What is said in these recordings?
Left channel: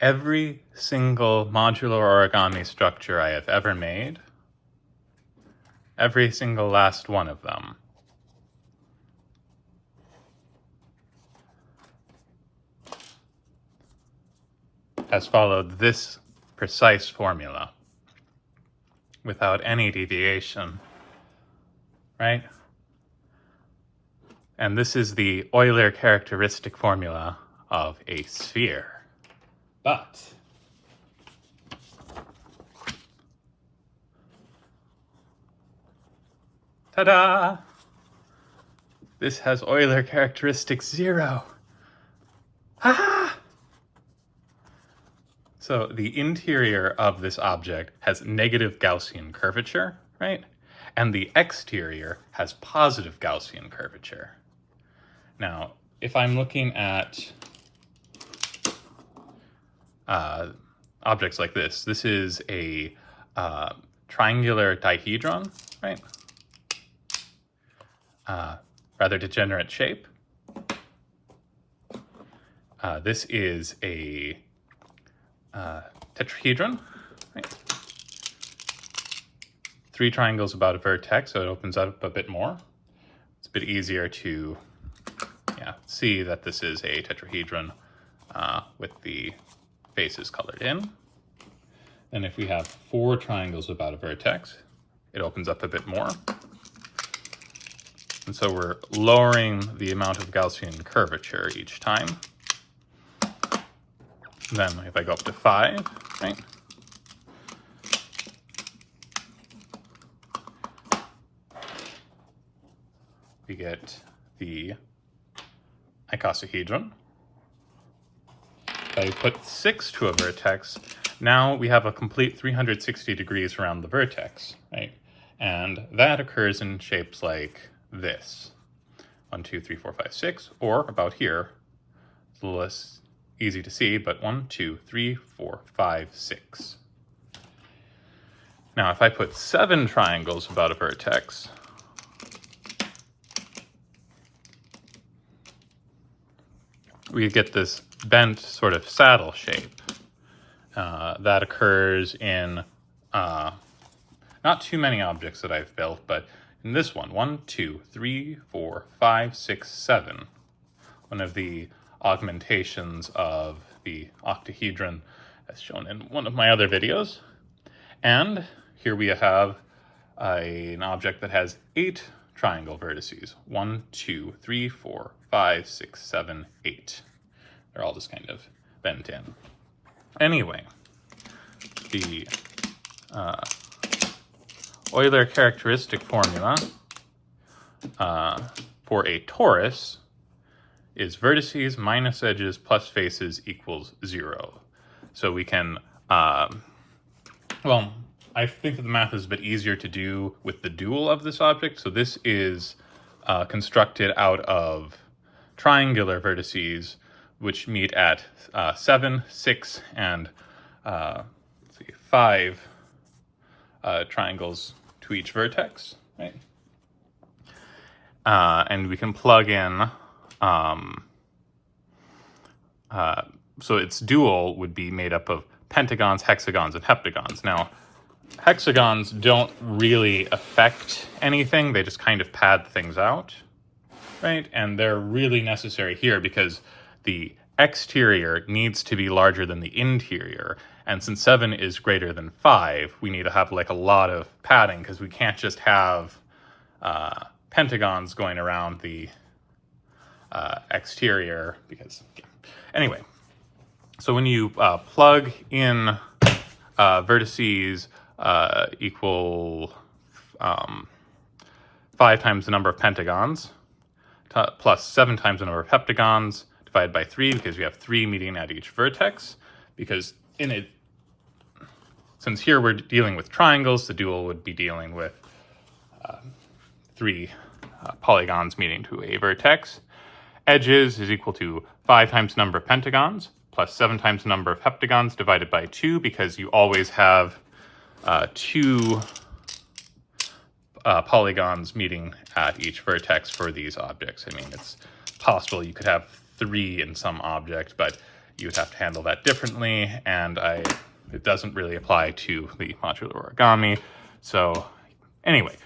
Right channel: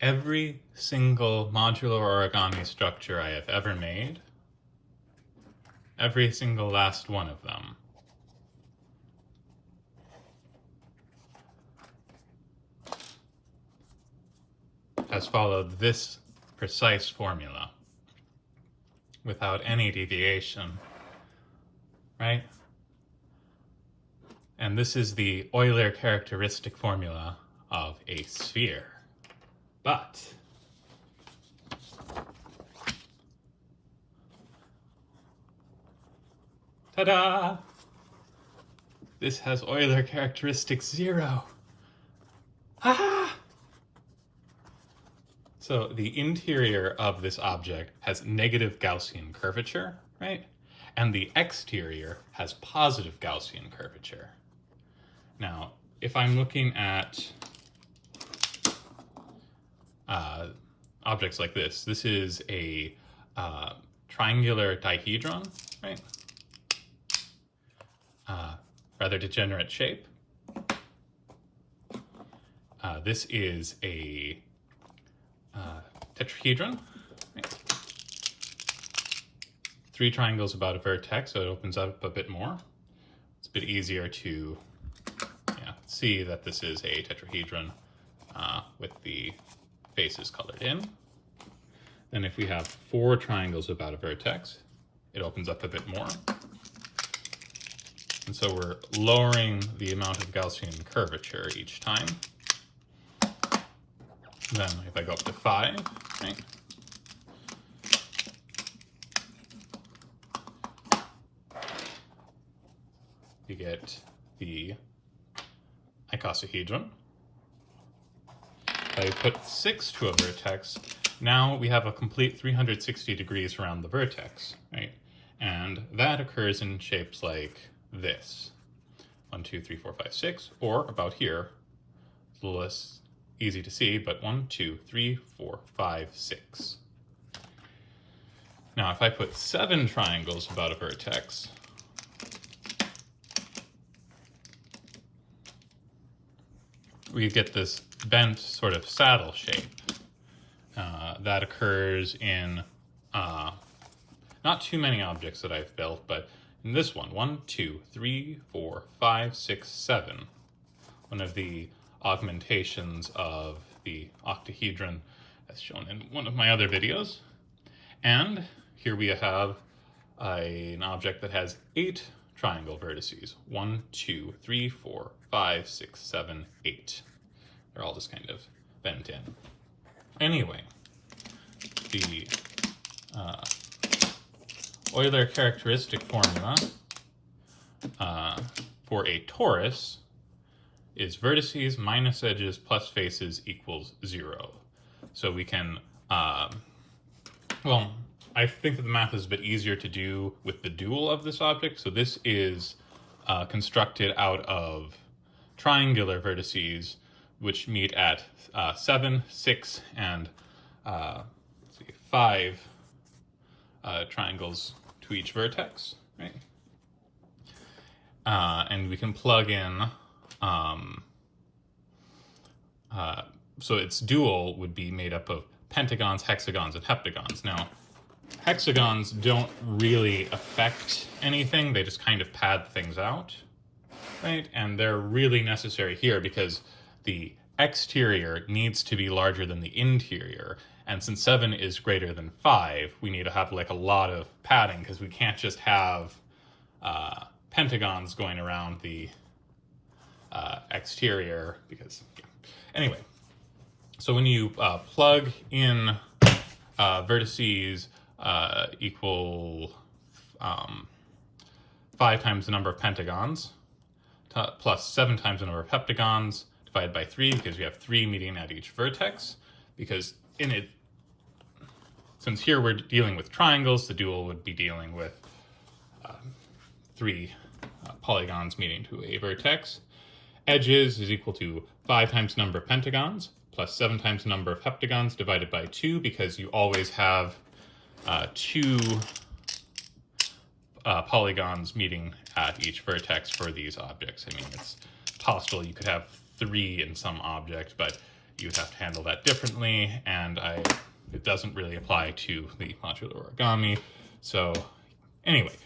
every single modular origami structure I have ever made, every single last one of them, has followed this precise formula without any deviation, right? And this is the Euler characteristic formula of a sphere. But ta-da! This has Euler characteristic 0. Ha! So the interior of this object has negative Gaussian curvature, right? And the exterior has positive Gaussian curvature. Now, if I'm looking at objects like this is a triangular dihedron, right? Rather degenerate shape. This is a tetrahedron, right? 3 triangles about a vertex, so it opens up a bit more. It's a bit easier to see that this is a tetrahedron with the faces colored in. And if we have 4 triangles about a vertex, it opens up a bit more. And so we're lowering the amount of Gaussian curvature each time. Then if I go up to 5, right? We get the icosahedron. If I put 6 to a vertex, now we have a complete 360 degrees around the vertex, right? And that occurs in shapes like this. 1, 2, 3, 4, 5, 6, or about here. It's a little less easy to see, but 1, 2, 3, 4, 5, 6. Now, if I put 7 triangles about a vertex, we get this bent sort of saddle shape that occurs in not too many objects that I've built, but in this one, 1, 2, 3, 4, 5, 6, 7, one of the augmentations of the octahedron as shown in one of my other videos. And here we have an object that has 8 triangle vertices. 1, 2, 3, 4, 5, 6, 7, 8. They're all just kind of bent in. Anyway, the Euler characteristic formula for a torus is vertices minus edges plus faces equals 0. So we can, well, I think that the math is a bit easier to do with the dual of this object. So this is constructed out of triangular vertices, which meet at 7, 6, and 5 triangles to each vertex, right? And we can plug in, so its dual would be made up of pentagons, hexagons, and heptagons. Now, hexagons don't really affect anything, they just kind of pad things out, right? And they're really necessary here because the exterior needs to be larger than the interior. And since 7 is greater than 5, we need to have like a lot of padding because we can't just have pentagons going around the exterior because, anyway. So when you plug in vertices equal 5 times the number of pentagons plus 7 times the number of heptagons divided by 3 because we have 3 meeting at each vertex, because in it, since here we're dealing with triangles, the dual would be dealing with 3 polygons meeting to a vertex. Edges is equal to 5 times the number of pentagons plus 7 times the number of heptagons divided by 2, because you always have 2 polygons meeting at each vertex for these objects. I mean, it's possible you could have 3 in some object, but you would have to handle that differently, and it doesn't really apply to the modular origami. So anyway,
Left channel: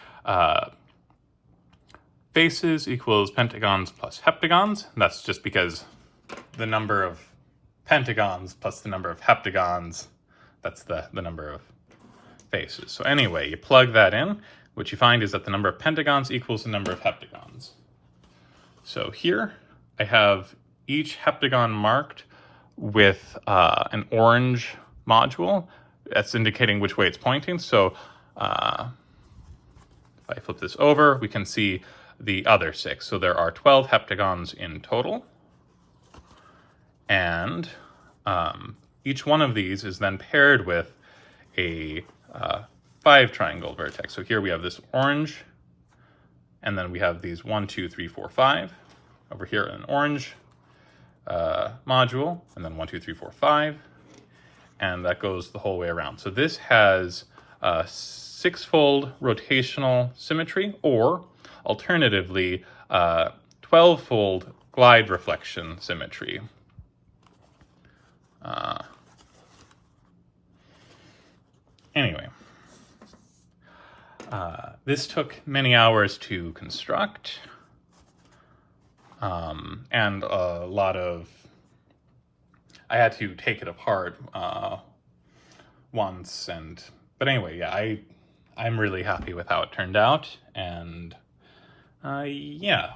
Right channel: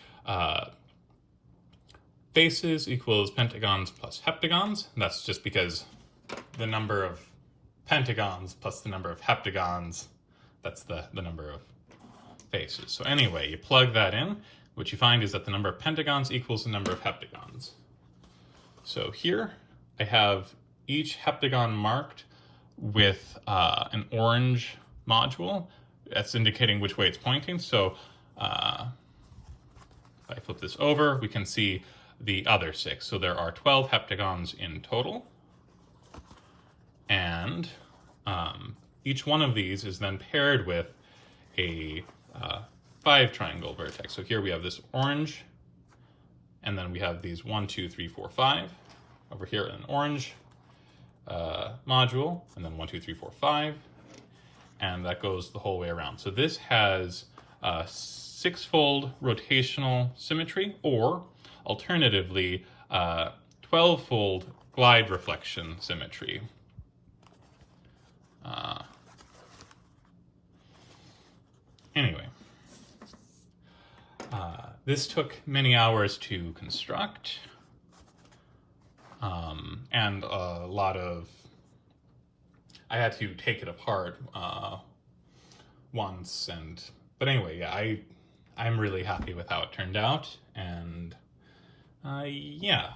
faces equals pentagons plus heptagons. That's just because the number of pentagons plus the number of heptagons, that's the number of faces. So anyway, you plug that in. What you find is that the number of pentagons equals the number of heptagons. So here I have each heptagon marked with an orange module. That's indicating which way it's pointing. So if I flip this over, we can see the other 6. So there are 12 heptagons in total. And each one of these is then paired with a 5 triangle vertex. So here we have this orange, and then we have these 1, 2, 3, 4, 5. Over here, an orange module, and then 1, 2, 3, 4, 5. And that goes the whole way around. So this has 6-fold rotational symmetry, or alternatively, 12-fold glide reflection symmetry. Anyway, this took many hours to construct, and a lot of, I had to take it apart once, but anyway, yeah, I'm really happy with how it turned out, and yeah.